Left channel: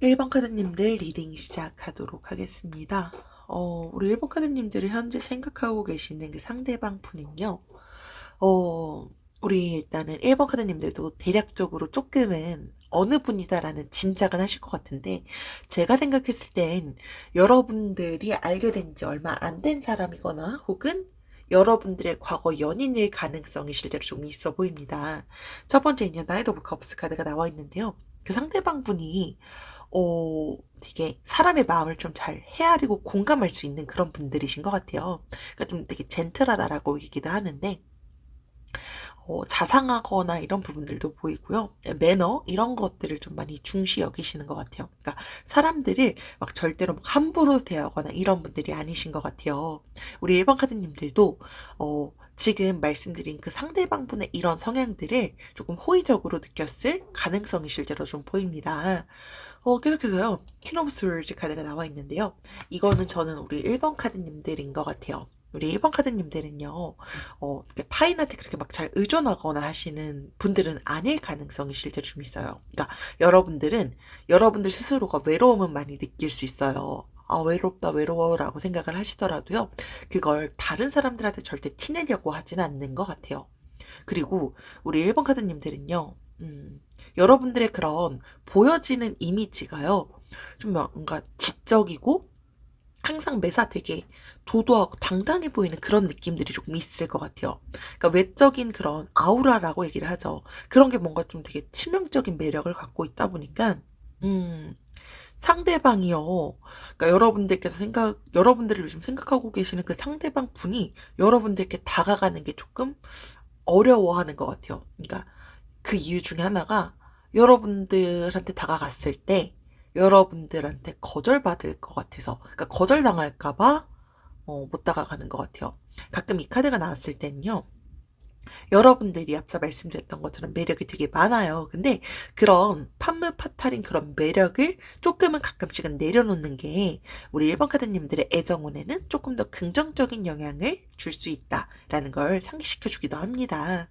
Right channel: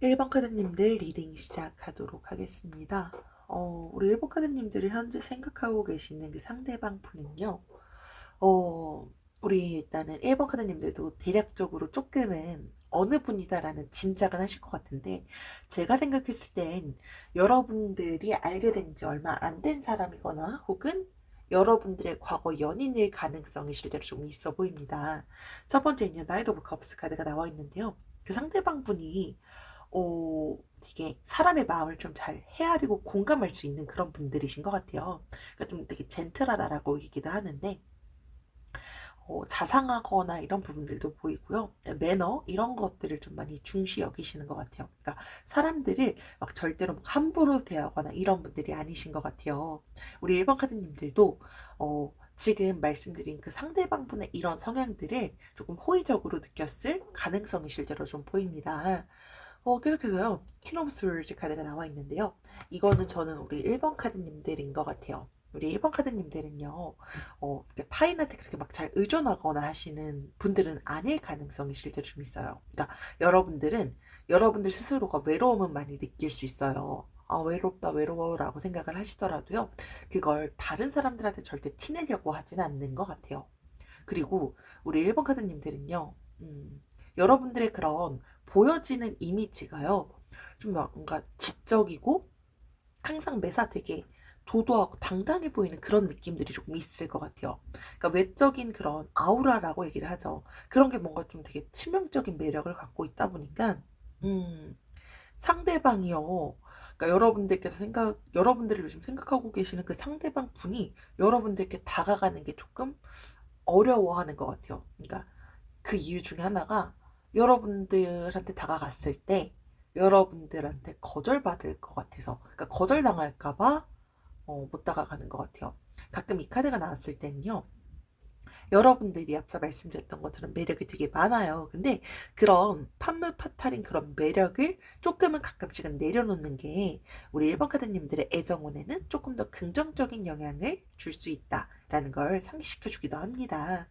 1번 카드님들 리딩 시작하도록 하겠습니다. 우리 1번 카드님들이 현재 생각하고 계시는 그 상대방 분은요. 우리 일단은 1번 카드님들도 대략적으로 조금은 어느 분이다라는 짐작은 하실 것 같은데, 제가 생각했을 땐 여러분들이 알게 된 지 얼마 안 된 사람이거나 혹은 여러분들의 과거 연인일 가능성이 실제로 좀 있어 보입니다. 첫 번째는요, 나이트 오브 컵스 카드가 나와 있는데요. 그 상대방 분이 되게 사람의 마음을 좀 잘 헤아리고 공감할 수 있는 그런 분들이신 것 같아요. 그러니까 좀 되게 젠틀하다라고 얘기도 하는데, 자상하거나 이런 부분들도 보이고요. 매너 이런 것들을 좀 많이 중시 여기시는 것 같아요. 그러니까 사람들을 막 절대로 막 함부로 대하거나 이런 분들이 아니신 것 같아요. 우리 1번 카드님들도 지금 말씀드린 그 상대방분의 이런 성향들을 조금 호의적으로 느꼈을 가능성이 실제로 좀 보입니다. 계속해서요. 퀸 오브 스월즈 카드가 나와 있는데요. 이거는 저는 우리 1번 카드님들인 것 같아요. 우리 1번 카드님들은요, 타인한테 그렇게 막 잘 의존하거나 하시는 분들은 아닐 가능성이 실제로 좀 있어요. 그러니까 여러분들은 여러분들 스스로가 외로움은 많이 느낄 수 있어요. 아, 외롭다, 외로워라고 생각을 하시더라도요, 그걸 다른 사람들한테 절대 티내려고 하진 않는 것 같아요. 그리고 우리 1번 카드님들은요, 여러분들의 그런 보여지는 이미지가요, 좀 뭔가 지적이고 항상 매사 되게 도도하고 당당해 보이는 그런 느낌들이 조금 있을 것 같아요. 그러니까 외적인 그런 아우라라고 얘기를 하죠. 그런 게 뭔가 좀 되게 치명적인 매력을 갖고 있다 보니까, 음, 상대방이요. 그러니까 여러분들을 요즘 생각하고 계시는 그 상대방 분이 여러분들께 다가가는 게 조금 어려워하는 것 같아요. 그러니까 그 이유 중에 하나가, 여러분들한테 다가갔을 때 여러분들한테 거절받을 것 같아서, 그러니까 거절당할까봐 못 다가가는 것 같아요. 가끔 이 카드가 나왔을 때는요, 여러분들이 앞서 말씀드렸던 것처럼 매력이 되게 많아요. 근데 그런 판무파탈인 그런 매력을 조금은 가끔씩은 내려놓는 게 우리 1번 카드님들의 애정운에는 조금 더 긍정적인 영향을 줄 수 있다라는 걸 상기시켜 주기도 합니다.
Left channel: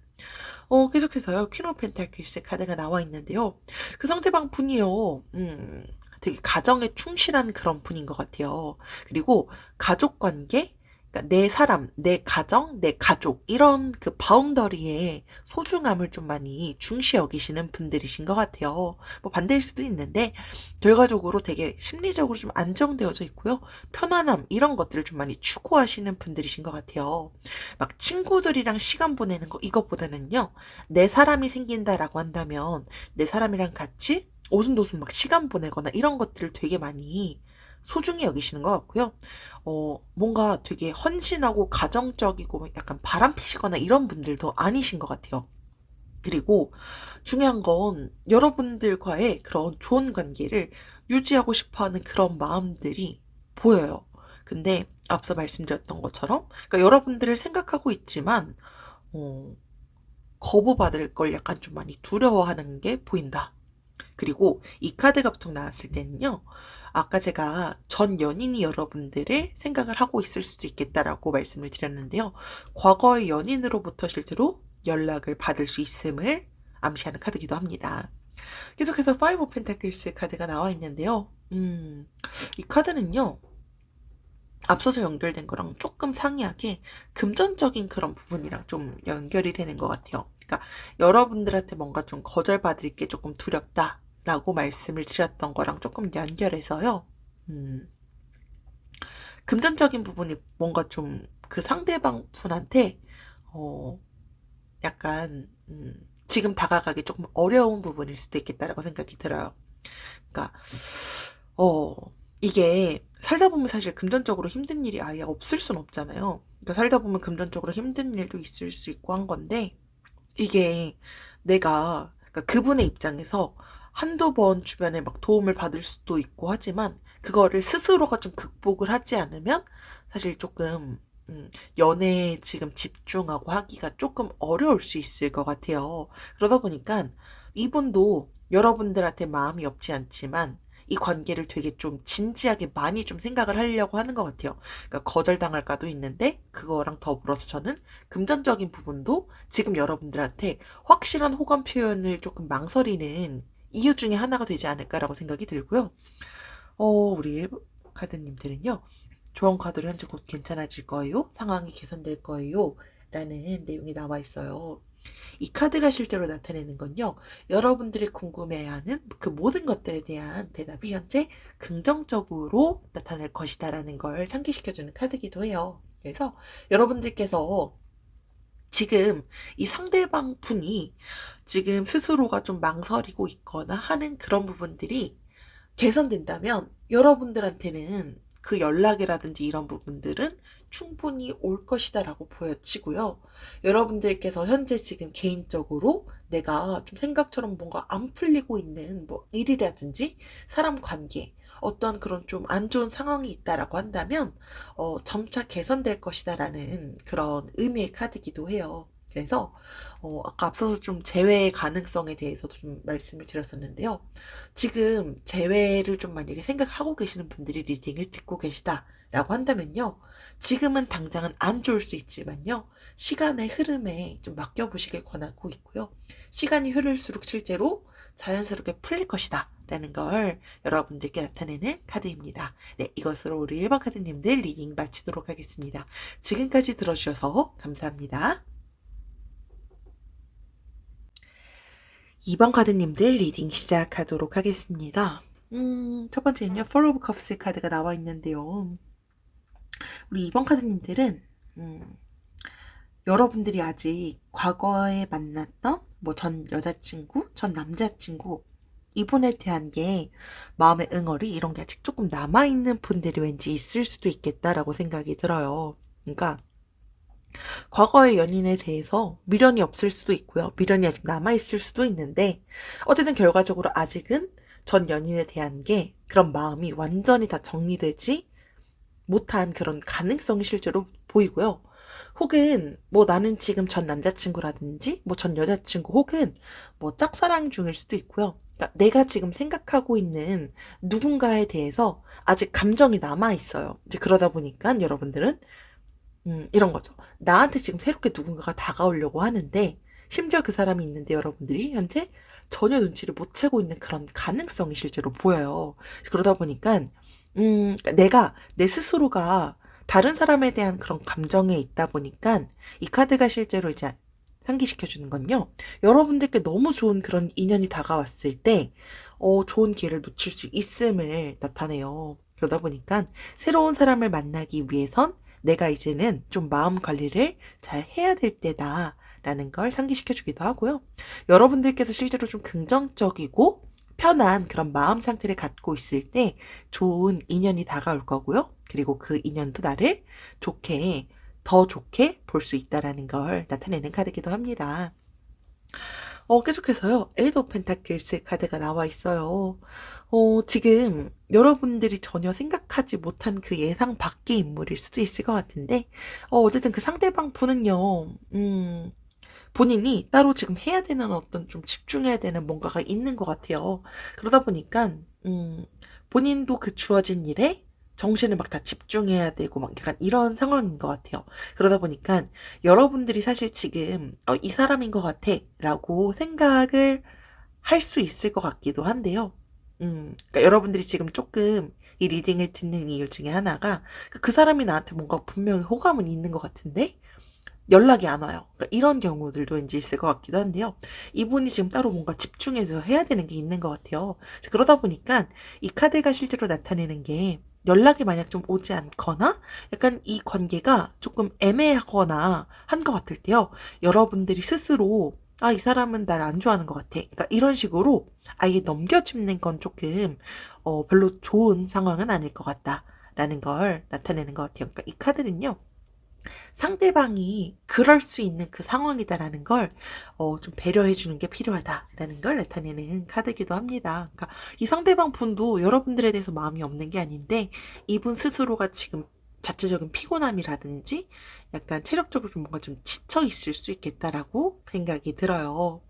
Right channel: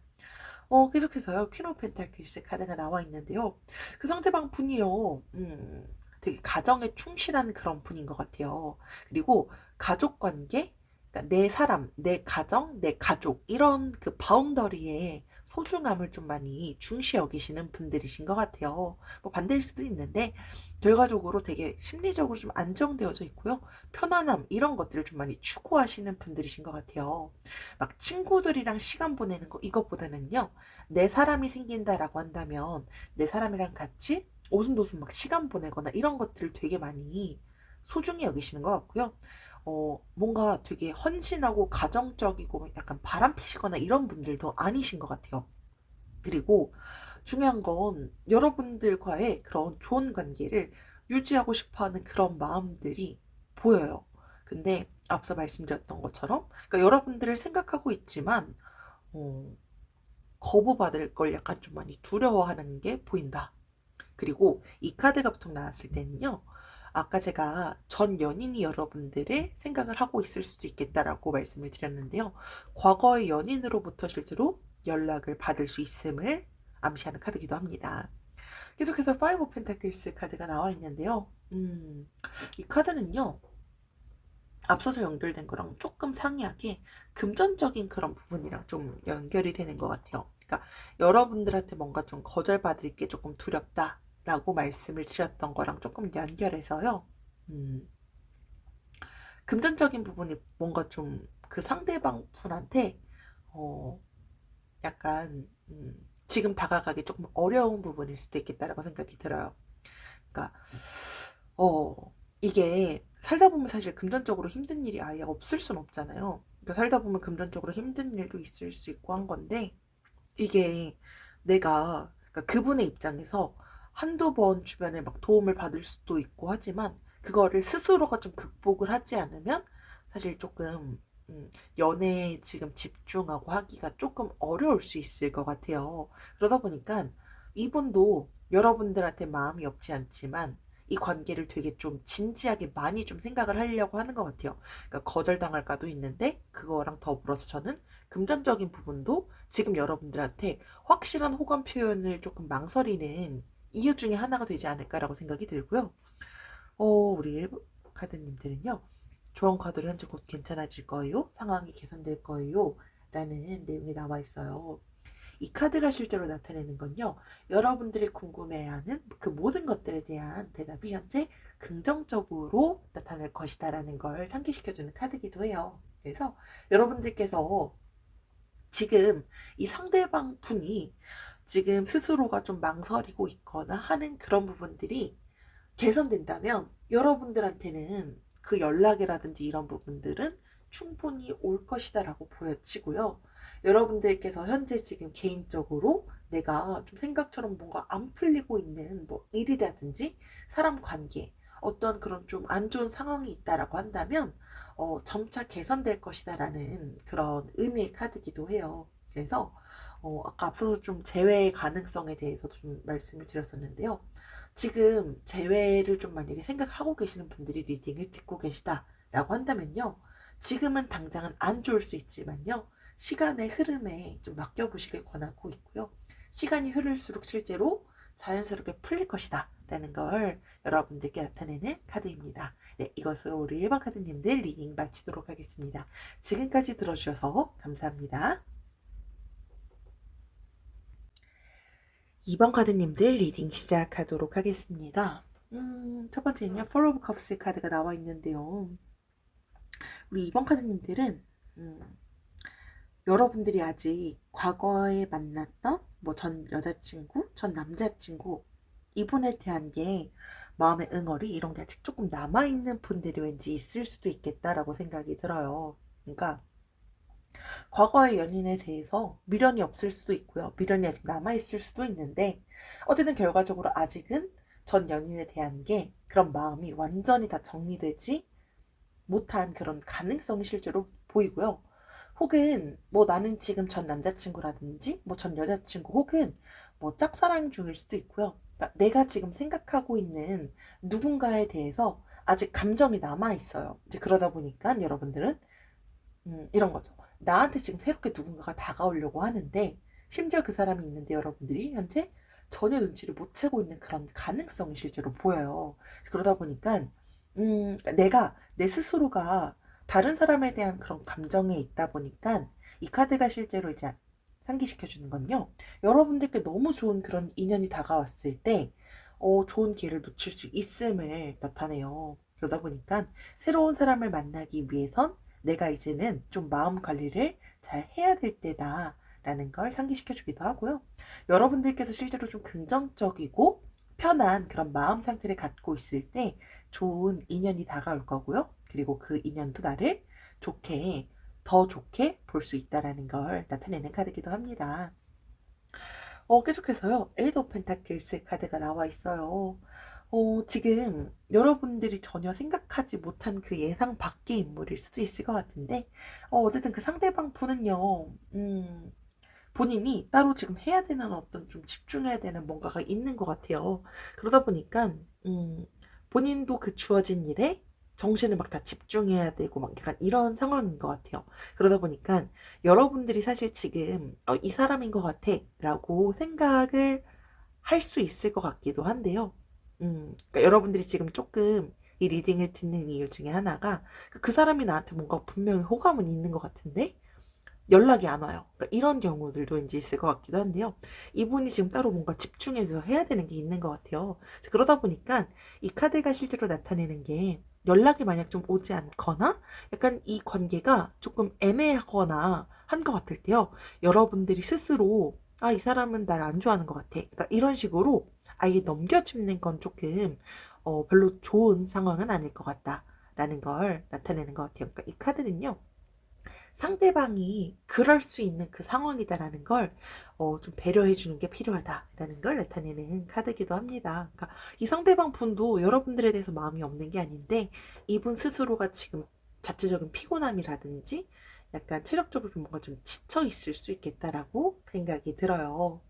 계속해서요, 퀸 오브 펜타클스 카드가 나와 있는데요. 그 상대방 분이요, 되게 가정에 충실한 그런 분인 것 같아요. 그리고 가족 관계, 그러니까 내 사람, 내 가정, 내 가족, 이런 그 바운더리의 소중함을 좀 많이 중시 여기시는 분들이신 것 같아요. 뭐 반대일 수도 있는데, 결과적으로 되게 심리적으로 좀 안정되어져 있고요. 편안함, 이런 것들을 좀 많이 추구하시는 분들이신 것 같아요. 막 친구들이랑 시간 보내는 거, 이것보다는요, 내 사람이 생긴다라고 한다면 내 사람이랑 같이 오순도순 막 시간 보내거나 이런 것들을 되게 많이 소중히 여기시는 것 같고요. 뭔가 되게 헌신하고 가정적이고 약간 바람피시거나 이런 분들도 아니신 것 같아요. 그리고 중요한 건 여러분들과의 그런 좋은 관계를 유지하고 싶어 하는 그런 마음들이 보여요. 근데 앞서 말씀드렸던 것처럼, 그러니까 여러분들을 생각하고 있지만, 어, 거부받을 걸 약간 좀 많이 두려워하는 게 보인다. 그리고 이 카드가 보통 나왔을 때는요, 아까 제가 전 연인이 여러분들을 생각을 하고 있을 수도 있겠다라고 말씀을 드렸는데요. 과거의 연인으로부터 실제로 연락을 받을 수 있음을 암시하는 카드이기도 합니다. 계속해서 5 오브 펜타클스 카드가 나와 있는데요. 이 카드는요, 앞서서 연결된 거랑 조금 상이하게 금전적인 그런 부분이랑 좀 연결이 되는 것 같아요. 그러니까 여러분들한테 뭔가 좀 거절받을 게 조금 두렵다라고 말씀을 드렸던 거랑 조금 연결해서요. 음, 금전적인 부분이 뭔가 좀 그 상대방 분한테 어, 약간 지금 다가가기 조금 어려운 부분일 수도 있겠다라고 생각이 들어요. 그러니까 어, 이게 살다 보면 사실 금전적으로 힘든 일이 아예 없을 순 없잖아요. 그러니까 살다 보면 금전적으로 힘든 일도 있을 수 있고 한 건데, 이게 내가, 그러니까 그분의 입장에서 한두 번 주변에 막 도움을 받을 수도 있고 하지만, 그거를 스스로가 좀 극복을 하지 않으면 사실 조금 연애에 지금 집중하고 하기가 조금 어려울 수 있을 것 같아요. 그러다 보니까 이분도 여러분들한테 마음이 없지 않지만 이 관계를 되게 좀 진지하게 많이 좀 생각을 하려고 하는 것 같아요. 그러니까 거절당할까도 있는데 그거랑 더불어서 저는 금전적인 부분도 지금 여러분들한테 확실한 호감 표현을 조금 망설이는 이유 중에 하나가 되지 않을까라고 생각이 들고요. 우리 일부 카드님들은요. 조언 카드로 현재 곧 괜찮아질 거예요. 상황이 개선될 거예요. 라는 내용이 나와 있어요. 이 카드가 실제로 나타내는 건요. 여러분들이 궁금해하는 그 모든 것들에 대한 대답이 현재 긍정적으로 나타날 것이다라는 걸 상기시켜주는 카드이기도 해요. 그래서 여러분들께서 지금 이 상대방 분이 지금 스스로가 좀 망설이고 있거나 하는 그런 부분들이 개선된다면 여러분들한테는 그 연락이라든지 이런 부분들은 충분히 올 것이다라고 보여지고요. 여러분들께서 현재 지금 개인적으로 내가 좀 생각처럼 뭔가 안 풀리고 있는 뭐 일이라든지 사람 관계, 어떤 그런 좀 안 좋은 상황이 있다라고 한다면 점차 개선될 것이다라는 그런 의미의 카드이기도 해요. 그래서 아까 앞서서 좀 재회의 가능성에 대해서도 좀 말씀을 드렸었는데요. 지금 재회를 좀 만약에 생각하고 계시는 분들이 리딩을 듣고 계시다라고 한다면요. 지금은 당장은 안 좋을 수 있지만요. 시간의 흐름에 좀 맡겨보시길 권하고 있고요. 시간이 흐를수록 실제로 자연스럽게 풀릴 것이다. 라는 걸 여러분들께 나타내는 카드입니다. 네, 이것으로 우리 1번 카드님들 리딩 마치도록 하겠습니다. 지금까지 들어주셔서 감사합니다. 2번 카드님들 리딩 시작하도록 하겠습니다. 첫 번째는요, Four of Cups 카드가 나와 있는데요. 우리 2번 카드님들은, 여러분들이 아직 과거에 만났던 뭐 전 여자친구, 전 남자친구, 이분에 대한 게 마음의 응어리 이런 게 아직 조금 남아있는 분들이 왠지 있을 수도 있겠다라고 생각이 들어요. 그러니까 과거의 연인에 대해서 미련이 없을 수도 있고요. 미련이 아직 남아있을 수도 있는데 어쨌든 결과적으로 아직은 전 연인에 대한 게 그런 마음이 완전히 다 정리되지 못한 그런 가능성이 실제로 보이고요. 혹은 뭐 나는 지금 전 남자친구라든지 뭐 전 여자친구 혹은 뭐 짝사랑 중일 수도 있고요. 그러니까 내가 지금 생각하고 있는 누군가에 대해서 아직 감정이 남아 있어요. 이제 그러다 보니까 여러분들은 이런 거죠. 나한테 지금 새롭게 누군가가 다가오려고 하는데 심지어 그 사람이 있는데 여러분들이 현재 전혀 눈치를 못 채고 있는 그런 가능성이 실제로 보여요. 그러다 보니까 그러니까 내가 내 스스로가 다른 사람에 대한 그런 감정에 있다 보니까 이 카드가 실제로 이제 상기시켜 주는 건요. 여러분들께 너무 좋은 그런 인연이 다가왔을 때 좋은 기회를 놓칠 수 있음을 나타내요. 그러다 보니까 새로운 사람을 만나기 위해선 내가 이제는 좀 마음 관리를 잘 해야 될 때다. 라는 걸 상기시켜 주기도 하고요. 여러분들께서 실제로 좀 긍정적이고 편한 그런 마음 상태를 갖고 있을 때 좋은 인연이 다가올 거고요. 그리고 그 인연도 나를 좋게, 더 좋게 볼 수 있다라는 걸 나타내는 카드기도 합니다. 계속해서요. 에이드 오브 펜타클스 카드가 나와 있어요. 지금 여러분들이 전혀 생각하지 못한 그 예상 밖의 인물일 수도 있을 것 같은데, 어쨌든 그 상대방 분은요, 본인이 따로 지금 해야 되는 어떤 좀 집중해야 되는 뭔가가 있는 것 같아요. 그러다 보니까, 본인도 그 주어진 일에 정신을 막 다 집중해야 되고 막 약간 이런 상황인 것 같아요. 그러다 보니까 여러분들이 사실 지금 이 사람인 것 같아 라고 생각을 할 수 있을 것 같기도 한데요. 그러니까 여러분들이 지금 조금 이 리딩을 듣는 이유 중에 하나가 그 사람이 나한테 뭔가 분명히 호감은 있는 것 같은데 연락이 안 와요. 그러니까 이런 경우들도 왠지 있을 것 같기도 한데요. 이분이 지금 따로 뭔가 집중해서 해야 되는 게 있는 것 같아요. 그러다 보니까 이 카드가 실제로 나타내는 게 연락이 만약 좀 오지 않거나 약간 이 관계가 조금 애매하거나 한 것 같을 때요. 여러분들이 스스로 이 사람은 날 안 좋아하는 것 같아. 그러니까 이런 식으로 아예 넘겨짚는 건 조금 별로 좋은 상황은 아닐 것 같다라는 걸 나타내는 것 같아요. 그러니까 이 카드는요. 상대방이 그럴 수 있는 그 상황이다라는 걸, 좀 배려해 주는 게 필요하다라는 걸 나타내는 카드이기도 합니다. 그러니까 이 상대방 분도 여러분들에 대해서 마음이 없는 게 아닌데, 이분 스스로가 지금 자체적인 피곤함이라든지, 약간 체력적으로 좀 뭔가 좀 지쳐 있을 수 있겠다라고 생각이 들어요.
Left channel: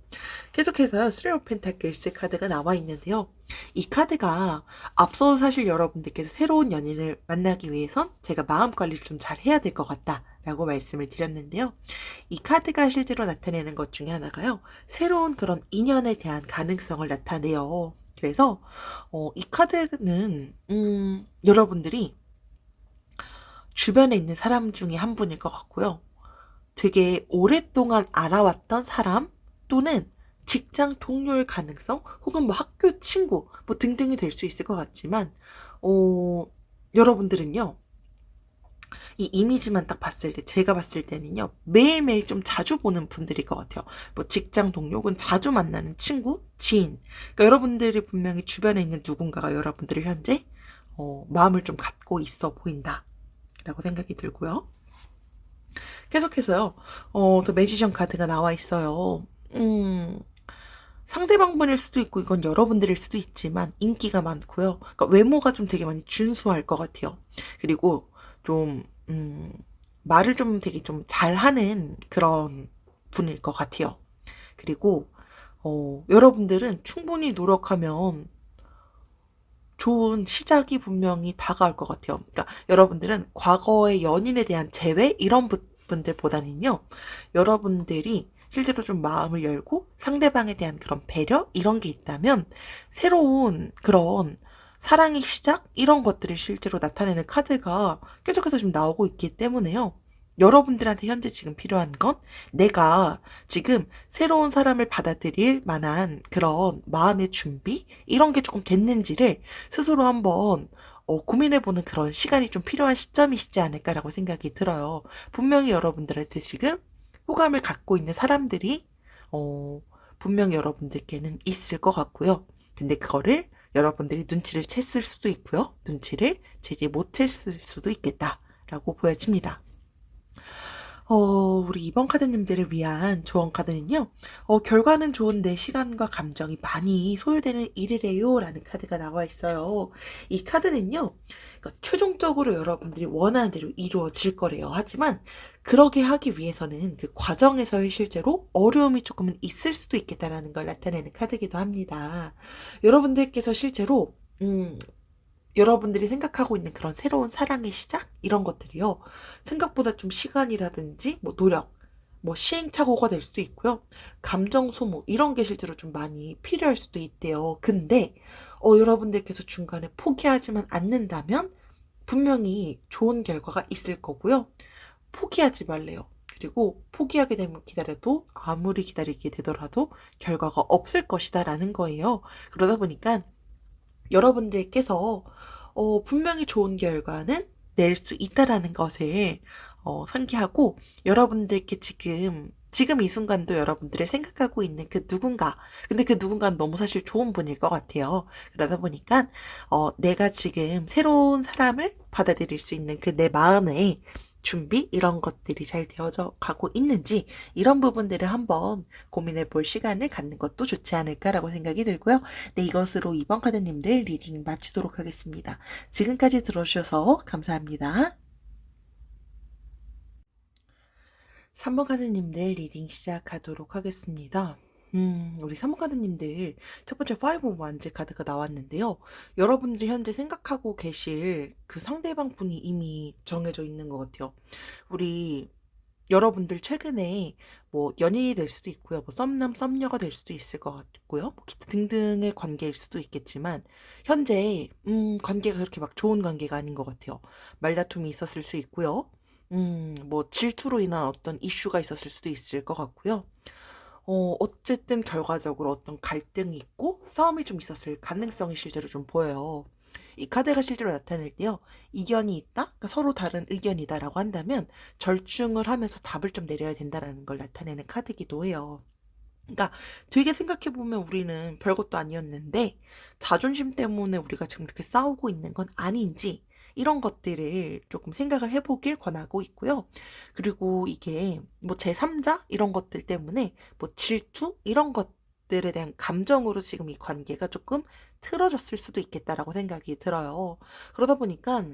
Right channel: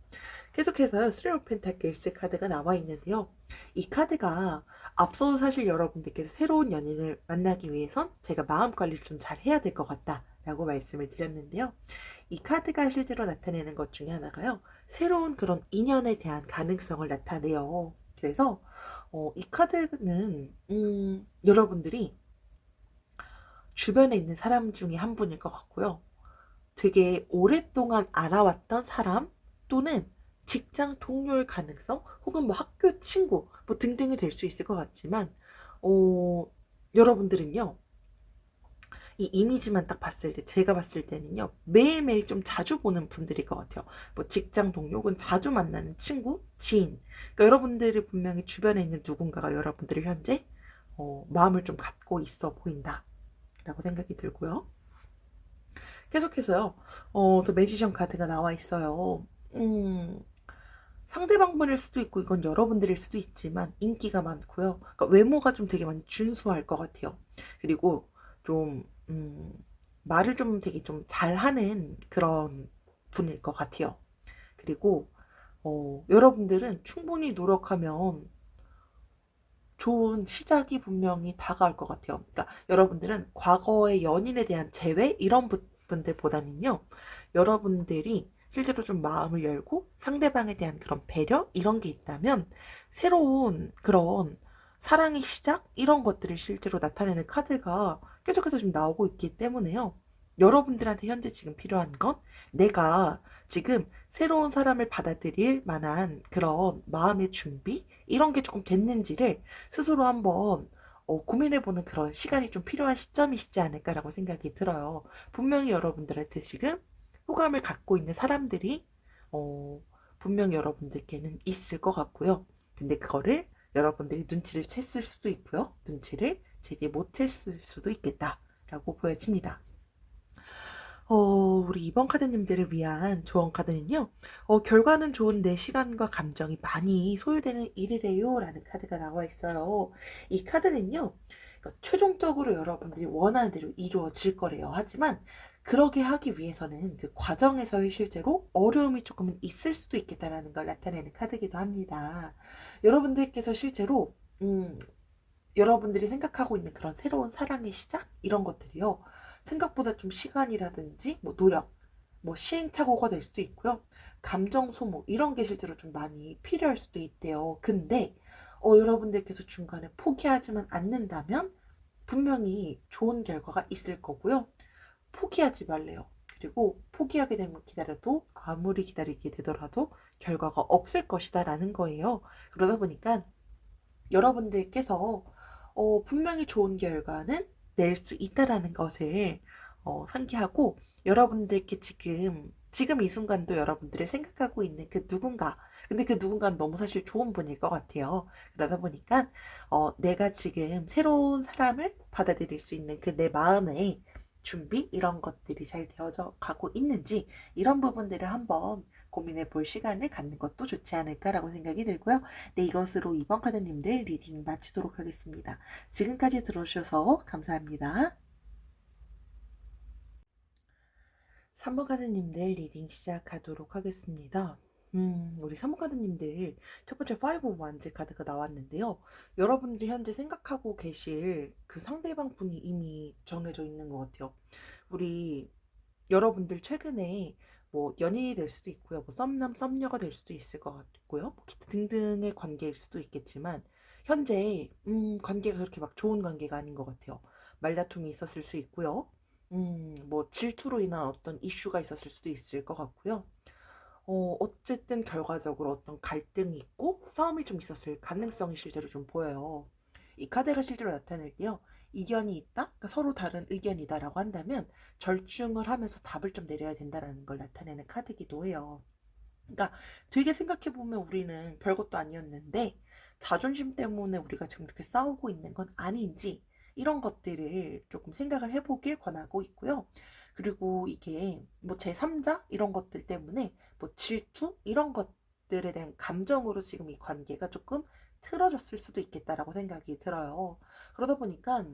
계속해서 쓰리 오브 펜타클스 카드가 나와 있는데요. 이 카드가 앞서 사실 여러분들께서 새로운 연인을 만나기 위해선 제가 마음 관리를 좀 잘 해야 될 것 같다라고 말씀을 드렸는데요. 이 카드가 실제로 나타내는 것 중에 하나가요. 새로운 그런 인연에 대한 가능성을 나타내요. 그래서 이 카드는 여러분들이 주변에 있는 사람 중에 한 분일 것 같고요. 되게 오랫동안 알아왔던 사람 또는 직장 동료일 가능성 혹은 뭐 학교 친구 뭐 등등이 될 수 있을 것 같지만 어, 여러분들은요. 이 이미지만 딱 봤을 때 제가 봤을 때는요. 매일매일 좀 자주 보는 분들일 것 같아요. 뭐 직장 동료 혹은 자주 만나는 친구, 지인. 그러니까 여러분들이 분명히 주변에 있는 누군가가 여러분들을 현재 마음을 좀 갖고 있어 보인다라고 생각이 들고요. 계속해서요. 또 매지션 카드가 나와 있어요. 상대방분일 수도 있고 이건 여러분들일 수도 있지만 인기가 많고요. 그러니까 외모가 좀 되게 많이 준수할 것 같아요. 그리고 좀 말을 좀 되게 좀 잘하는 그런 분일 것 같아요. 그리고 여러분들은 충분히 노력하면 좋은 시작이 분명히 다가올 것 같아요. 그러니까 여러분들은 과거의 연인에 대한 재회 이런 분들보다는요. 여러분들이 실제로 좀 마음을 열고 상대방에 대한 그런 배려 이런 게 있다면 새로운 그런 사랑의 시작 이런 것들이 실제로 나타내는 카드가 계속해서 좀 나오고 있기 때문에요. 여러분들한테 현재 지금 필요한 건 내가 지금 새로운 사람을 받아들일 만한 그런 마음의 준비 이런 게 조금 됐는지를 스스로 한번 고민해보는 그런 시간이 좀 필요한 시점이시지 않을까라고 생각이 들어요. 분명히 여러분들한테 지금 호감을 갖고 있는 사람들이 분명히 여러분들께는 있을 것 같고요. 근데 그거를 여러분들이 눈치를 챘을 수도 있고요. 눈치를 채지 못했을 수도 있겠다라고 보여집니다. 우리 이번 카드님들을 위한 조언 카드는요. 결과는 좋은데 시간과 감정이 많이 소요되는 일이래요. 라는 카드가 나와 있어요. 이 카드는요. 그러니까 최종적으로 여러분들이 원하는 대로 이루어질 거래요. 하지만 그러게 하기 위해서는 그 과정에서의 실제로 어려움이 조금은 있을 수도 있겠다라는 걸 나타내는 카드이기도 합니다. 여러분들께서 실제로 여러분들이 생각하고 있는 그런 새로운 사랑의 시작? 이런 것들이요. 생각보다 좀 시간이라든지 뭐 노력, 뭐 시행착오가 될 수도 있고요. 감정 소모 이런 게 실제로 좀 많이 필요할 수도 있대요. 근데 여러분들께서 중간에 포기하지만 않는다면 분명히 좋은 결과가 있을 거고요. 포기하지 말래요. 그리고 포기하게 되면 기다려도 아무리 기다리게 되더라도 결과가 없을 것이다라는 거예요. 그러다 보니까 여러분들께서 분명히 좋은 결과는 낼 수 있다라는 것을 상기하고 여러분들께 지금 이 순간도 여러분들을 생각하고 있는 그 누군가 근데 그 누군가는 너무 사실 좋은 분일 것 같아요. 그러다 보니까 내가 지금 새로운 사람을 받아들일 수 있는 그 내 마음의 준비 이런 것들이 잘 되어져 가고 있는지 이런 부분들을 한번 고민해 볼 시간을 갖는 것도 좋지 않을까라고 생각이 들고요. 네, 이것으로 이번 카드님들 리딩 마치도록 하겠습니다. 지금까지 들어주셔서 감사합니다. 3번 카드님들 리딩 시작하도록 하겠습니다. 우리 3번 카드님들 첫 번째 5 of Wands 카드가 나왔는데요. 여러분들이 현재 생각하고 계실 그 상대방 분이 이미 정해져 있는 것 같아요. 우리 여러분들 최근에 뭐 연인이 될 수도 있고요. 뭐 썸남, 썸녀가 될 수도 있을 것 같고요. 뭐 기타 등등의 관계일 수도 있겠지만 현재 관계가 그렇게 막 좋은 관계가 아닌 것 같아요. 말다툼이 있었을 수 있고요. 뭐 질투로 인한 어떤 이슈가 있었을 수도 있을 것 같고요. 어쨌든 결과적으로 어떤 갈등이 있고 싸움이 좀 있었을 가능성이 실제로 좀 보여요. 이 카드가 실제로 나타낼 때요. 이견이 있다? 그러니까 서로 다른 의견이다라고 한다면 절충을 하면서 답을 좀 내려야 된다라는 걸 나타내는 카드이기도 해요. 그러니까 되게 생각해보면 우리는 별것도 아니었는데 자존심 때문에 우리가 지금 이렇게 싸우고 있는 건 아닌지 이런 것들을 조금 생각을 해보길 권하고 있고요. 그리고 이게 뭐 제3자 이런 것들 때문에 뭐 질투 이런 것들에 대한 감정으로 지금 이 관계가 조금 틀어졌을 수도 있겠다라고 생각이 들어요. 그러다 보니까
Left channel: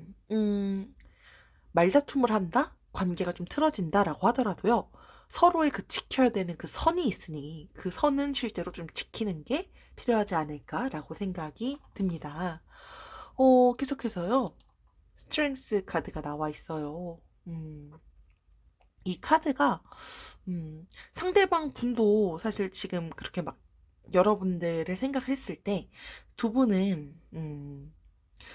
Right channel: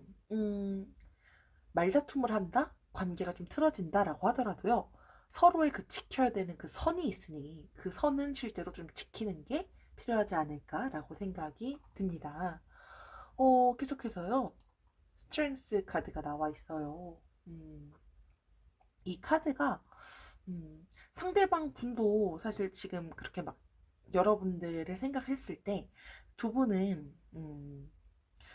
말다툼을 한다? 관계가 좀 틀어진다라고 하더라도요. 서로의 그 지켜야 되는 그 선이 있으니 그 선은 실제로 좀 지키는 게 필요하지 않을까라고 생각이 듭니다. 계속해서요. 스트렝스 카드가 나와 있어요. 이 카드가 상대방 분도 사실 지금 그렇게 막 여러분들을 생각했을 때 두 분은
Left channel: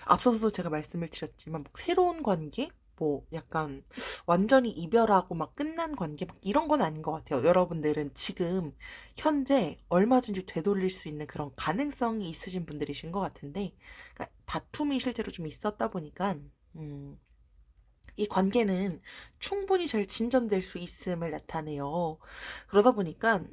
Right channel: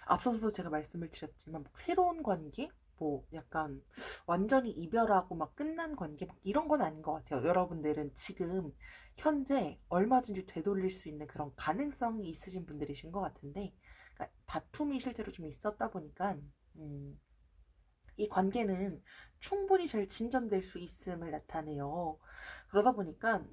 앞서서도 제가 말씀을 드렸지만 뭐 새로운 관계, 뭐 약간 완전히 이별하고 막 끝난 관계 막 이런 건 아닌 것 같아요. 여러분들은 지금 현재 얼마든지 되돌릴 수 있는 그런 가능성이 있으신 분들이신 것 같은데, 그러니까 다툼이 실제로 좀 있었다 보니까 이 관계는 충분히 잘 진전될 수 있음을 나타내요. 그러다 보니까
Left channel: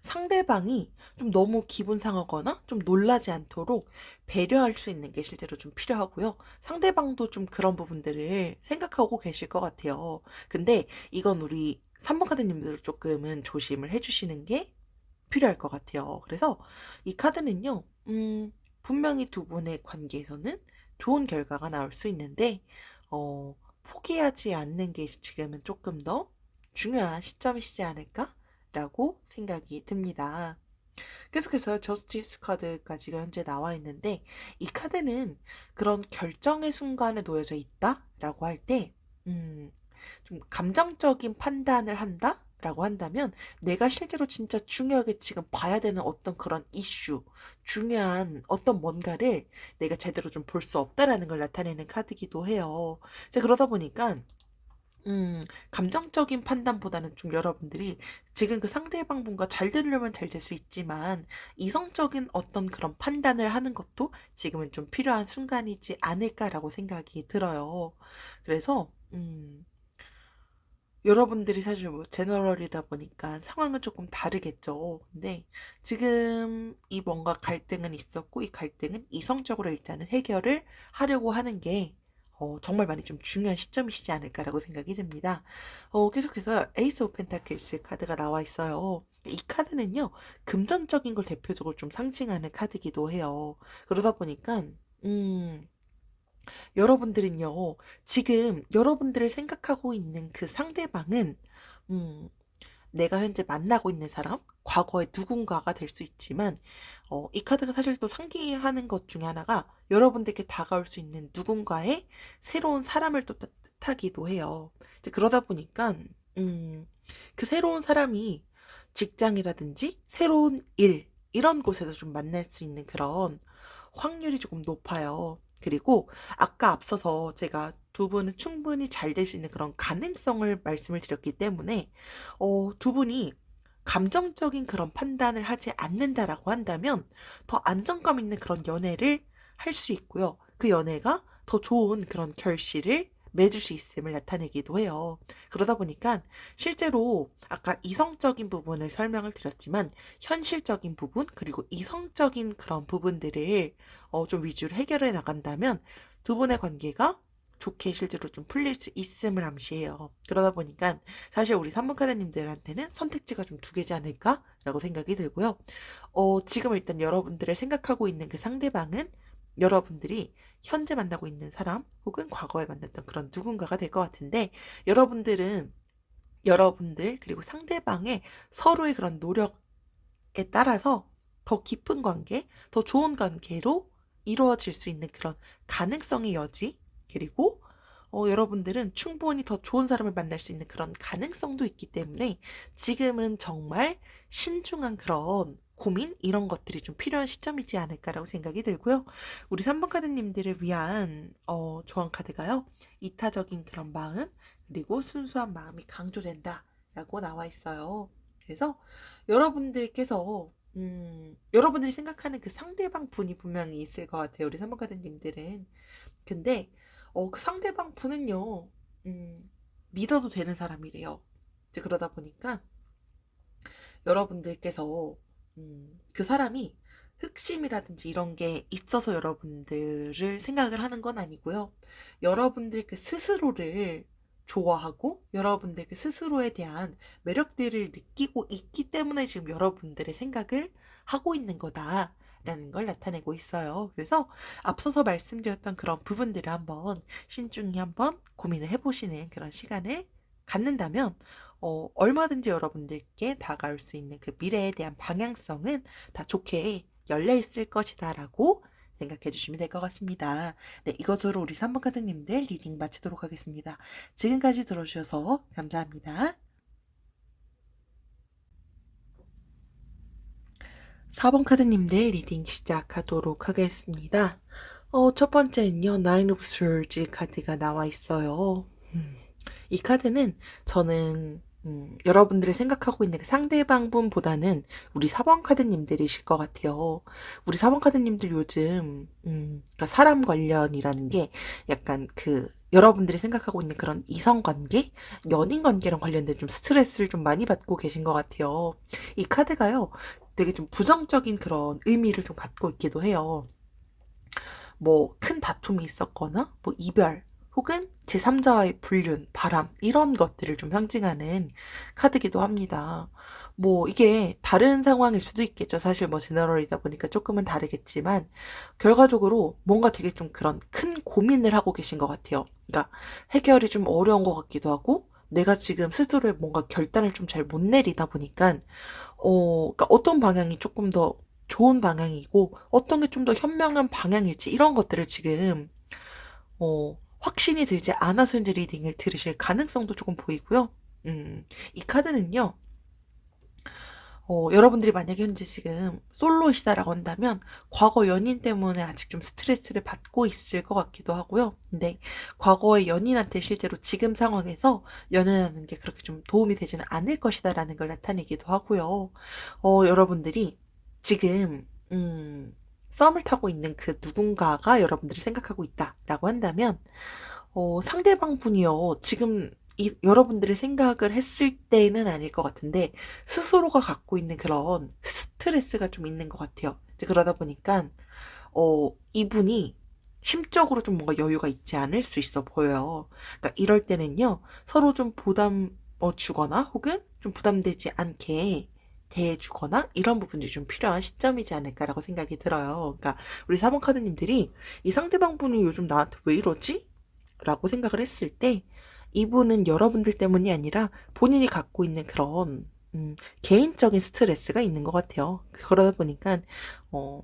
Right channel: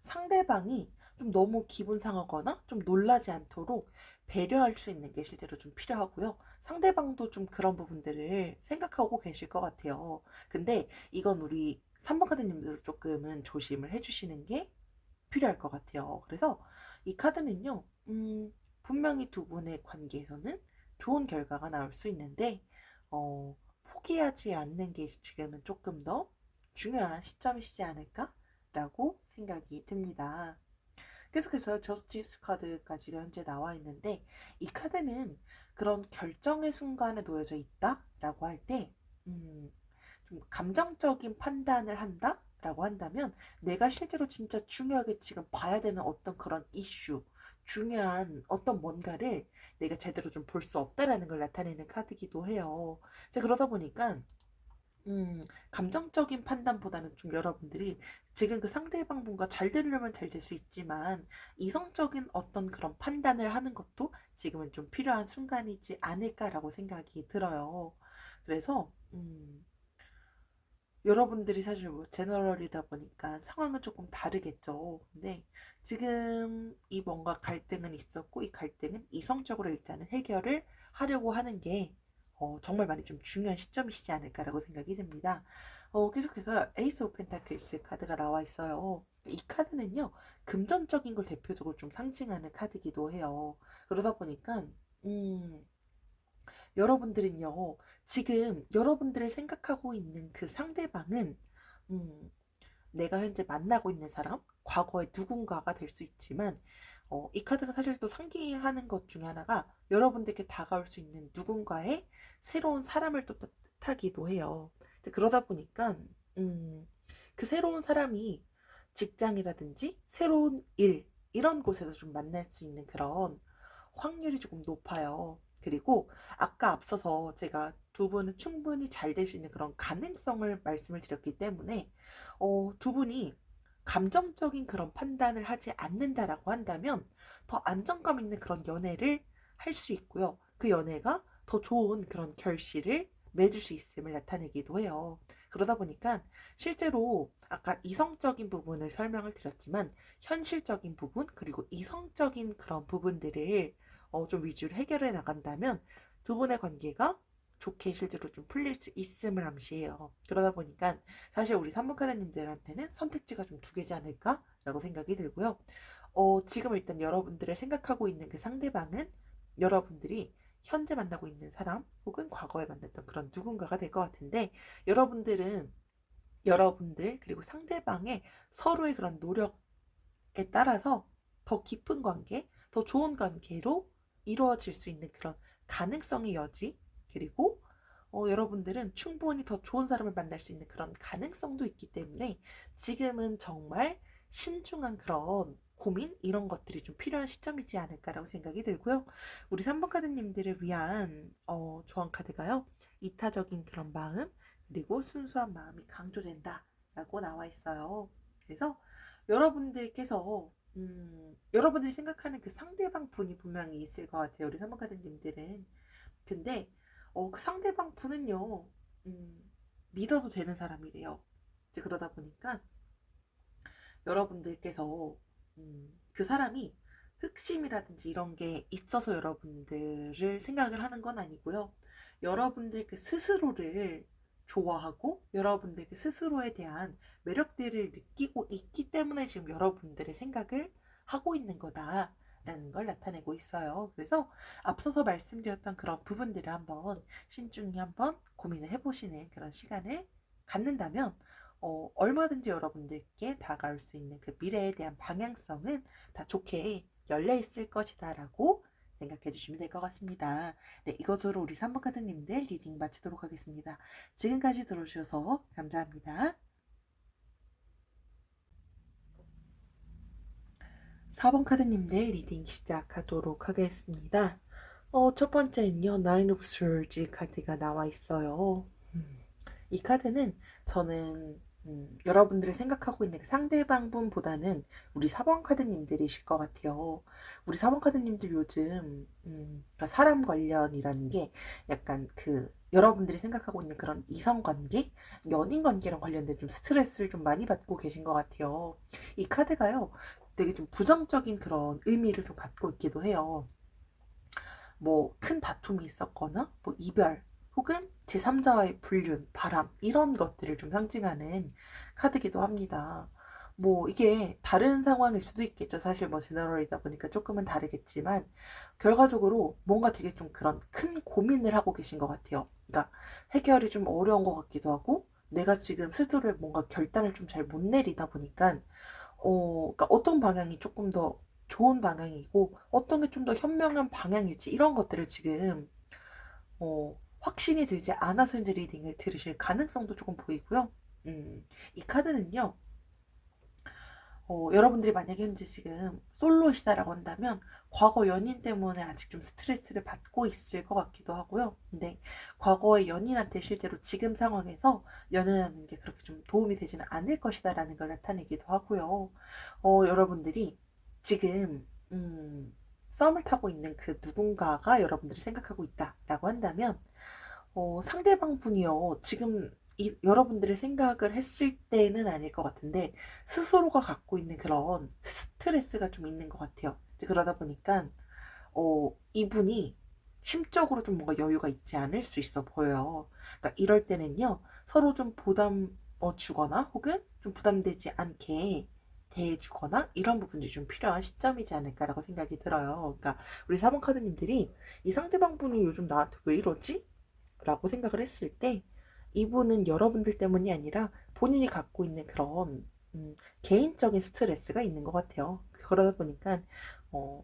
상대방이 좀 너무 기분 상하거나 좀 놀라지 않도록 배려할 수 있는 게 실제로 좀 필요하고요. 상대방도 좀 그런 부분들을 생각하고 계실 것 같아요. 근데 이건 우리 산모카드님들 조금은 조심을 해주시는 게 필요할 것 같아요. 그래서 이 카드는요, 분명히 두 분의 관계에서는 좋은 결과가 나올 수 있는데, 포기하지 않는 게 지금은 조금 더 중요한 시점이시지 않을까라고 생각이 듭니다. 계속해서 저스티스 카드까지가 현재 나와 있는데, 이 카드는 그런 결정의 순간에 놓여져 있다라고 할 때, 좀 감정적인 판단을 한다? 라고 한다면 내가 실제로 진짜 중요하게 지금 봐야 되는 어떤 그런 이슈, 중요한 어떤 뭔가를 내가 제대로 좀 볼 수 없다라는 걸 나타내는 카드기도 해요. 이제 그러다 보니까 감정적인 판단보다는 좀 여러분들이 지금 그 상대방 분과 잘 되려면 잘 될 수 있지만 이성적인 어떤 그런 판단을 하는 것도 지금은 좀 필요한 순간이지 않을까라고 생각이 들어요. 그래서 여러분들이 사실 뭐 제너럴이다 보니까 상황은 조금 다르겠죠. 근데 지금 이 뭔가 갈등은 있었고 이 갈등은 이성적으로 일단은 해결을 하려고 하는 게 정말 많이 좀 중요한 시점이시지 않을까라고 생각이 듭니다. 계속해서 에이스 오브 펜타클스 카드가 나와 있어요. 이 카드는요, 금전적인 걸 대표적으로 좀 상징하는 카드기도 해요. 그러다 보니까, 여러분들은요, 지금 여러분들을 생각하고 있는 그 상대방은, 음, 내가 현재 만나고 있는 사람, 과거의 누군가가 될 수 있지만, 이 카드가 사실 또 상기하는 것 중에 하나가 여러분들께 다가올 수 있는 누군가의 새로운 사람을 또 뜻하기도 해요. 이제 그러다 보니까, 그 새로운 사람이 직장이라든지 새로운 일, 이런 곳에서 좀 만날 수 있는 그런 확률이 조금 높아요. 그리고 아까 앞서서 제가 두 분은 충분히 잘 될 수 있는 그런 가능성을 말씀을 드렸기 때문에 두 분이 감정적인 그런 판단을 하지 않는다라고 한다면 더 안정감 있는 그런 연애를 할 수 있고요. 그 연애가 더 좋은 그런 결실을 맺을 수 있음을 나타내기도 해요. 그러다 보니까 실제로 아까 이성적인 부분을 설명을 드렸지만 현실적인 부분 그리고 이성적인 그런 부분들을 좀 위주로 해결해 나간다면 두 분의 관계가 좋게 실제로 좀 풀릴 수 있음을 암시해요. 그러다 보니까 사실 우리 산부카드님들한테는 선택지가 좀 두 개지 않을까라고 생각이 들고요. 지금 일단 여러분들의 생각하고 있는 그 상대방은 여러분들이 현재 만나고 있는 사람 혹은 과거에 만났던 그런 누군가가 될 것 같은데 여러분들은 여러분들 그리고 상대방의 서로의 그런 노력에 따라서 더 깊은 관계, 더 좋은 관계로 이루어질 수 있는 그런 가능성의 여지, 그리고 여러분들은 충분히 더 좋은 사람을 만날 수 있는 그런 가능성도 있기 때문에 지금은 정말 신중한 그런 고민 이런 것들이 좀 필요한 시점이지 않을까라고 생각이 들고요. 우리 3번 카드님들을 위한 조언 카드가요. 이타적인 그런 마음 그리고 순수한 마음이 강조된다라고 나와 있어요. 그래서 여러분들께서 여러분들이 생각하는 그 상대방 분이 분명히 있을 것 같아요. 우리 3번 카드님들은. 근데 그 상대방 분은요, 믿어도 되는 사람이래요. 이제 그러다 보니까 여러분들께서 그 사람이 흑심이라든지 이런 게 있어서 여러분들을 생각을 하는 건 아니고요. 여러분들 그 스스로를 좋아하고 여러분들 그 스스로에 대한 매력들을 느끼고 있기 때문에 지금 여러분들의 생각을 하고 있는 거다라는 걸 나타내고 있어요. 그래서 앞서서 말씀드렸던 그런 부분들을 한번 신중히 한번 고민을 해보시는 그런 시간을 갖는다면 얼마든지 여러분들께 다가올 수 있는 그 미래에 대한 방향성은 다 좋게 열려 있을 것이다라고 생각해 주시면 될 것 같습니다. 네, 이것으로 우리 3번 카드님들 리딩 마치도록 하겠습니다. 지금까지 들어주셔서 감사합니다. 4번 카드님들 리딩 시작하도록 하겠습니다. 첫 번째는요, Nine of Swords 카드가 나와 있어요. 이 카드는 저는 여러분들이 생각하고 있는 그 상대방 분보다는 우리 4번 카드님들이실 것 같아요. 우리 4번 카드님들 요즘 그러니까 사람 관련이라는 게 약간 여러분들이 생각하고 있는 그런 이성 관계, 연인 관계랑 관련된 좀 스트레스를 좀 많이 받고 계신 것 같아요. 이 카드가요, 되게 좀 부정적인 그런 의미를 좀 갖고 있기도 해요. 뭐 큰 다툼이 있었거나 뭐 이별 혹은 제3자와의 불륜, 바람 이런 것들을 좀 상징하는 카드기도 합니다. 뭐 이게 다른 상황일 수도 있겠죠. 사실 뭐 제너럴이다 보니까 조금은 다르겠지만 결과적으로 뭔가 되게 좀 그런 큰 고민을 하고 계신 것 같아요. 그러니까 해결이 좀 어려운 것 같기도 하고 내가 지금 스스로의 뭔가 결단을 좀 잘 못 내리다 보니까 그러니까 어떤 방향이 조금 더 좋은 방향이고 어떤 게 좀 더 현명한 방향일지 이런 것들을 지금 확신이 들지 않아서 이제 리딩을 들으실 가능성도 조금 보이고요. 이 카드는요. 여러분들이 만약에 현재 지금 솔로이시다라고 한다면 과거 연인 때문에 아직 좀 스트레스를 받고 있을 것 같기도 하고요. 근데 과거의 연인한테 실제로 지금 상황에서 연애하는 게 그렇게 좀 도움이 되지는 않을 것이다라는 걸 나타내기도 하고요. 여러분들이 지금 썸을 타고 있는 그 누군가가 여러분들이 생각하고 있다라고 한다면 상대방 분이요. 지금 여러분들의 생각을 했을 때는 아닐 것 같은데, 스스로가 갖고 있는 그런 스트레스가 좀 있는 것 같아요. 이제 그러다 보니까, 이분이 심적으로 좀 뭔가 여유가 있지 않을 수 있어 보여요. 그러니까 이럴 때는요, 서로 좀 주거나, 혹은 좀 부담되지 않게 대해주거나, 이런 부분들이 좀 필요한 시점이지 않을까라고 생각이 들어요. 그러니까 우리 4번 카드님들이 이 상대방 분이 요즘 나한테 왜 이러지? 라고 생각을 했을 때 이분은 여러분들 때문이 아니라 본인이 갖고 있는 그런 개인적인 스트레스가 있는 것 같아요. 그러다 보니까 어,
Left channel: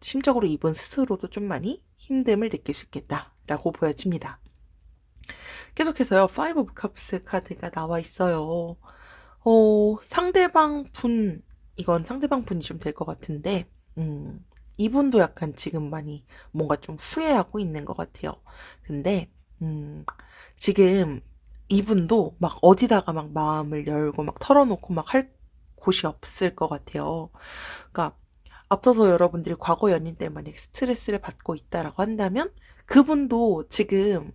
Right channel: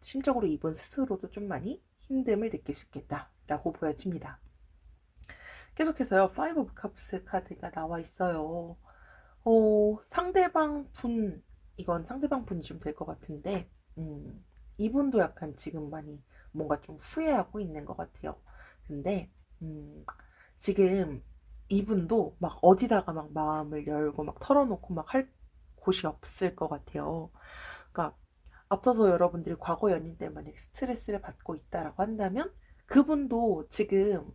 심적으로 이분 스스로도 좀 많이 힘듦을 느낄 수 있겠다라고 보여집니다. 계속해서요. Five of Cups 카드가 나와 있어요. 상대방 분, 이건 상대방 분이 좀 될 것 같은데 이분도 약간 지금 많이 뭔가 좀 후회하고 있는 것 같아요. 근데 음, 지금 이분도 막 어디다가 막 마음을 열고 막 털어놓고 막 할 곳이 없을 것 같아요. 그러니까 앞서서 여러분들이 과거 연인 때문에 만약 스트레스를 받고 있다라고 한다면 그분도 지금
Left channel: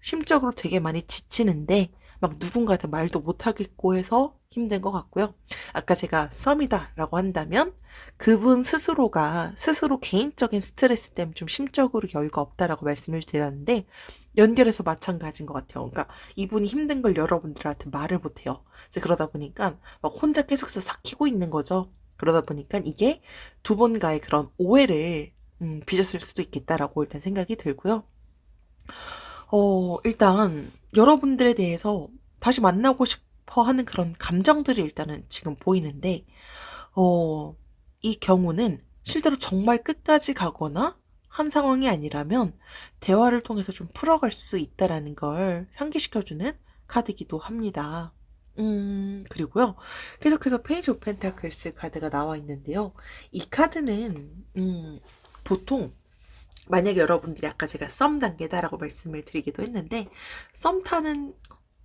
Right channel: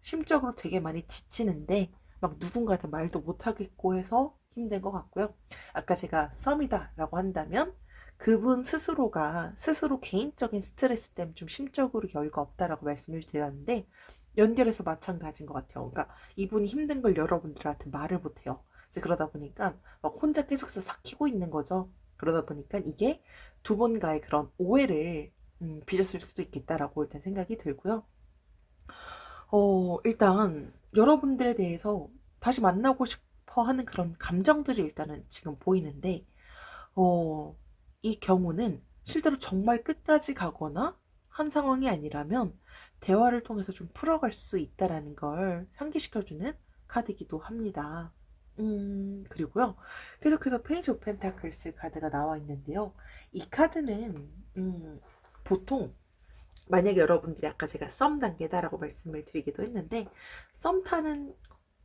심적으로 되게 많이 지치는데 막 누군가한테 말도 못하겠고 해서 힘든 것 같고요. 아까 제가 썸이다라고 한다면 그분 스스로가 스스로 개인적인 스트레스 때문에 좀 심적으로 여유가 없다라고 말씀을 드렸는데 연결해서 마찬가지인 것 같아요. 그러니까 이분이 힘든 걸 여러분들한테 말을 못해요. 그래서 그러다 보니까 막 혼자 계속해서 삭히고 있는 거죠. 그러다 보니까 이게 두 분과의 그런 오해를 빚었을 수도 있겠다라고 일단 생각이 들고요. 일단 여러분들에 대해서 다시 만나고 싶어 하는 그런 감정들이 일단은 지금 보이는데, 어, 이 경우는 실제로 정말 끝까지 가거나 한 상황이 아니라면 대화를 통해서 좀 풀어갈 수 있다라는 걸 상기시켜주는 카드이기도 합니다. 그리고요. 계속해서 페이지 오브 펜타클스 카드가 나와 있는데요. 이 카드는, 보통 만약에 여러분들이 아까 제가 썸 단계다라고 말씀을 드리기도 했는데 썸 타는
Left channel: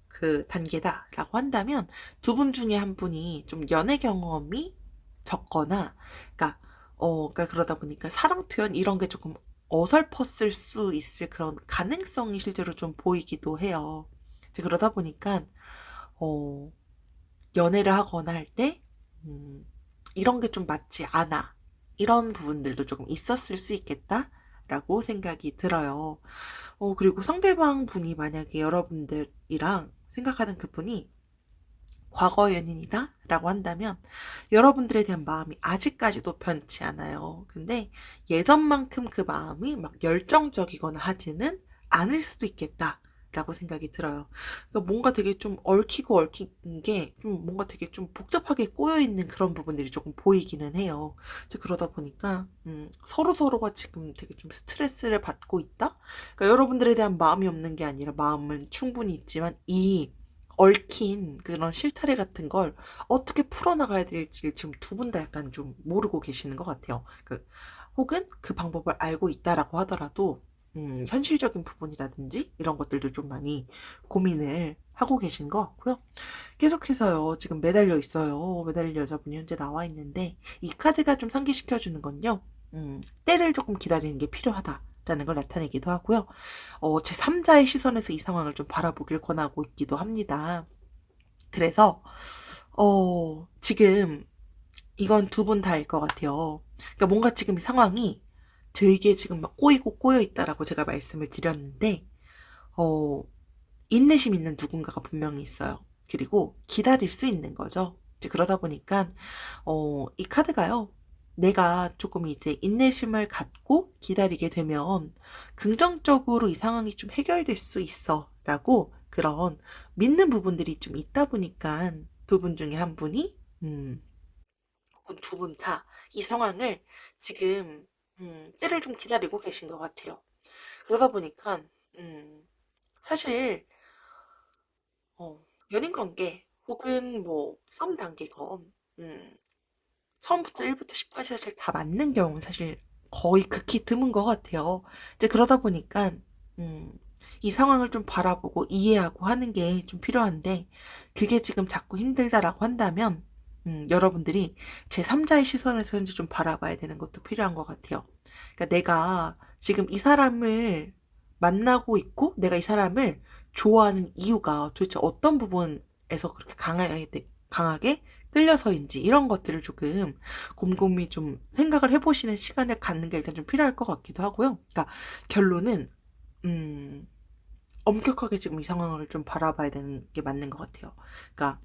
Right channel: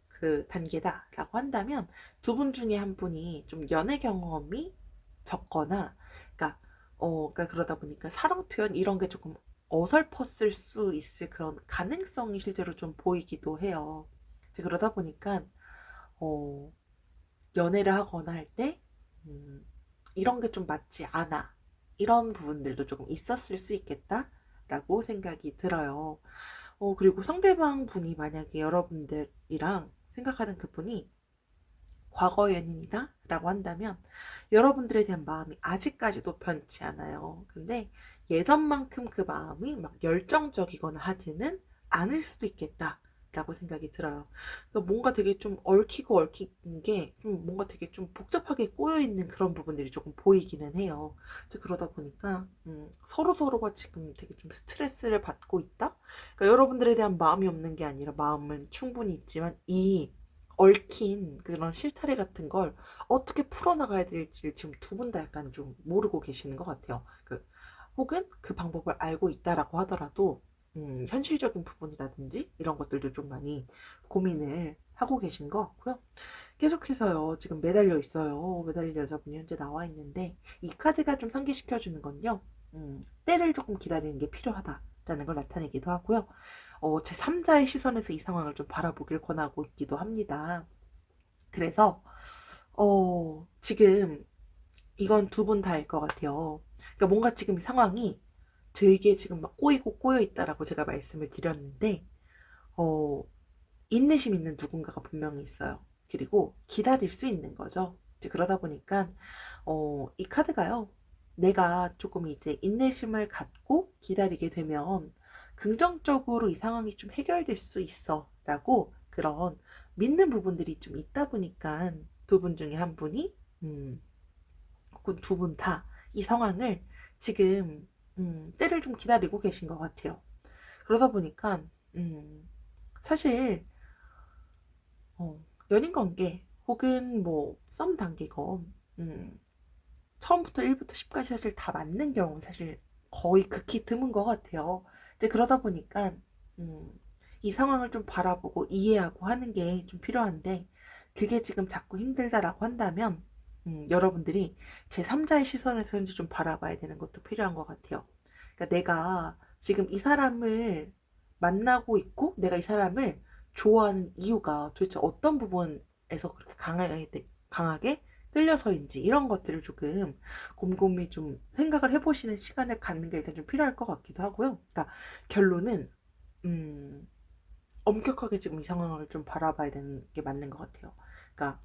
그 단계다라고 한다면 두 분 중에 한 분이 좀 연애 경험이 적거나 그러니까 그러다 보니까 사랑 표현 이런 게 조금 어설펐을 수 있을 그런 가능성이 실제로 좀 보이기도 해요. 이제 그러다 보니까 어, 연애를 하거나 할 때 이런 게 좀 맞지 않아. 이런 부분들도 조금 있었을 수 있겠다라고 생각이 들어요. 그리고 상대방 분이 만약에 여러분들이랑 생각하는 그분이 과거 연인이다 라고 한다면 여러분들에 대한 마음이 아직까지도 변치 않아요. 근데 예전만큼 그 마음이 막 열정적이거나 하지는 않을 수도 있겠다 라고 생각이 들어요. 그러니까 뭔가 되게 좀 얽히고 얽힌 게 좀 뭔가 되게 좀 복잡하게 꼬여 있는 그런 부분들이 조금 보이기는 해요. 이제 그러다 보니까 서로서로가 지금 되게 좀 스트레스를 받고 있다? 그러니까 여러분들에 대한 마음이 없는 게 아니라 마음은 충분히 있지만 이 얽힌 그런 실타래 같은 걸 어떻게 풀어나가야 될지 지금 두 분 다 약간 좀 모르고 계시는 것 같아요. 혹은 그 방법을 알고 있다라고 하더라도 현실적인 부분이라든지 이런 것들도 좀 많이 고민을 하고 계신 것 같고요. 계속해서요, 지금 매달려 있어요. 매달릴 여자분이 현재 나와 있는데, 이 카드가 좀 상기시켜주는 건요, 때를 조금 기다리는 게 필요하다라는 걸 나타내기도 하고요. 제 3자의 시선에서 이 상황을 좀 바라보길 권하고 있기도 합니다. 그래서, 지금 이건 두 분 다일 것 같아요. 그러니까 뭔가 지금 이 상황이 되게 지금 막 꼬이고 꼬여 있다라고 제가 말씀을 드렸는데, 어, 인내심 있는 누군가가 분명히 있어요. 그리고 기다릴 수 있는 거죠. 이제 그러다 보니까, 이 카드가요. 내가 조금 이제 인내심을 갖고 기다리게 되면 긍정적으로 이 상황이 좀 해결될 수 있어. 라고 그런 믿는 부분들이 좀 있다 보니까 두 분 중에 한 분이, 혹은 두 분 다 이 상황을 지금, 때를 좀 기다리고 계신 것 같아요. 그러다 보니까, 사실, 어, 연인 관계 혹은 뭐 썸 단계건 처음부터 1부터 10까지 사실 다 맞는 경우는 사실 거의 극히 드문 것 같아요. 이제 그러다 보니까 음, 이 상황을 좀 바라보고 이해하고 하는 게 좀 필요한데 그게 지금 자꾸 힘들다라고 한다면 여러분들이 제3자의 시선에서 이제 좀 바라봐야 되는 것도 필요한 것 같아요. 그러니까 내가 지금 이 사람을 만나고 있고 내가 이 사람을 좋아하는 이유가 도대체 어떤 부분에서 그렇게 강하게 끌려서인지 이런 것들을 조금 곰곰이 좀 생각을 해보시는 시간을 갖는 게 일단 좀 필요할 것 같기도 하고요. 그러니까 결론은 음, 엄격하게 지금 이 상황을 좀 바라봐야 되는 게 맞는 것 같아요. 그러니까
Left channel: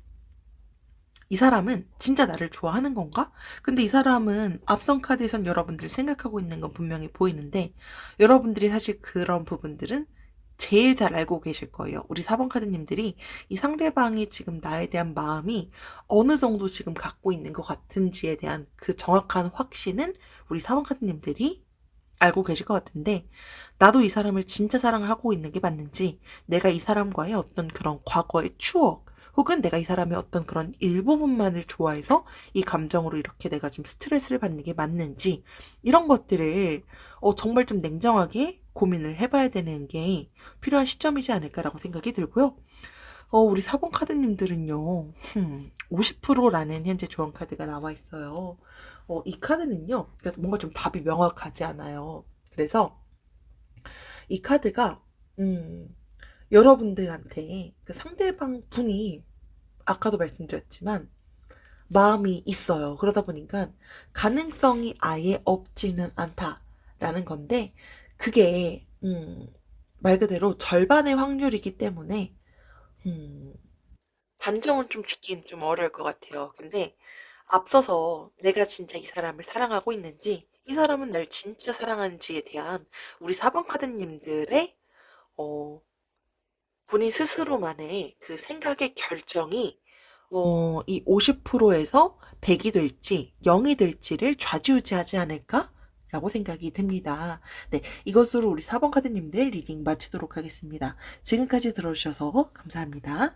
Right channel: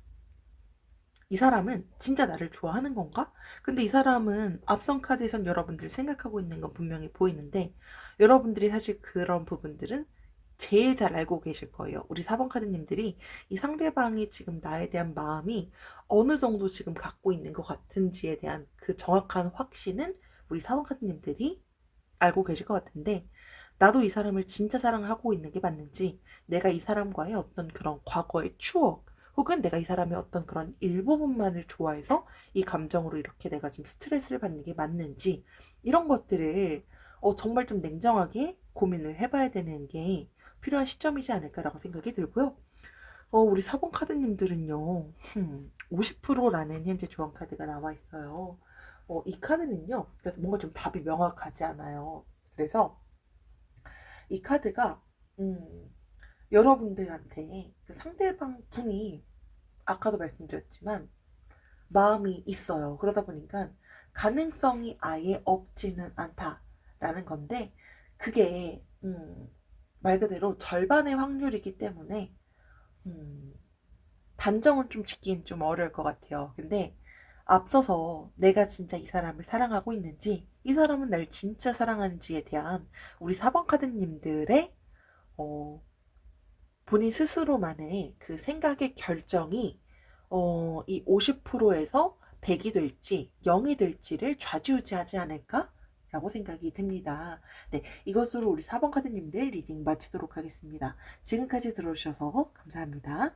이 사람은 진짜 나를 좋아하는 건가? 근데 이 사람은 앞선 카드에선 여러분들이 생각하고 있는 건 분명히 보이는데 여러분들이 사실 그런 부분들은 제일 잘 알고 계실 거예요. 우리 4번 카드님들이 이 상대방이 지금 나에 대한 마음이 어느 정도 지금 갖고 있는 것 같은지에 대한 그 정확한 확신은 우리 4번 카드님들이 알고 계실 것 같은데 나도 이 사람을 진짜 사랑하고 있는 게 맞는지 내가 이 사람과의 어떤 그런 과거의 추억 혹은 내가 이 사람의 어떤 그런 일부분만을 좋아해서 이 감정으로 이렇게 내가 좀 스트레스를 받는 게 맞는지 이런 것들을 정말 좀 냉정하게 고민을 해봐야 되는 게 필요한 시점이지 않을까라고 생각이 들고요. 우리 4번 카드님들은요, 50%라는 현재 조언 카드가 나와 있어요. 이 카드는요, 그러니까 뭔가 좀 답이 명확하지 않아요. 그래서 이 카드가, 여러분들한테 그 상대방 분이 아까도 말씀드렸지만 마음이 있어요. 그러다 보니까 가능성이 아예 없지는 않다라는 건데 그게 말 그대로 절반의 확률이기 때문에 음, 단정은 좀 짓긴 좀 어려울 것 같아요. 근데 앞서서 내가 진짜 이 사람을 사랑하고 있는지, 이 사람은 날 진짜 사랑하는지에 대한 우리 사번 카드님들의 어, 본인 스스로만의 그 생각의 결정이 이 50%에서 100이 될지 0이 될지를 좌지우지하지 않을까? 라고 생각이 듭니다. 네, 이것으로 우리 4번 카드님들 리딩 마치도록 하겠습니다. 지금까지 들어주셔서 감사합니다.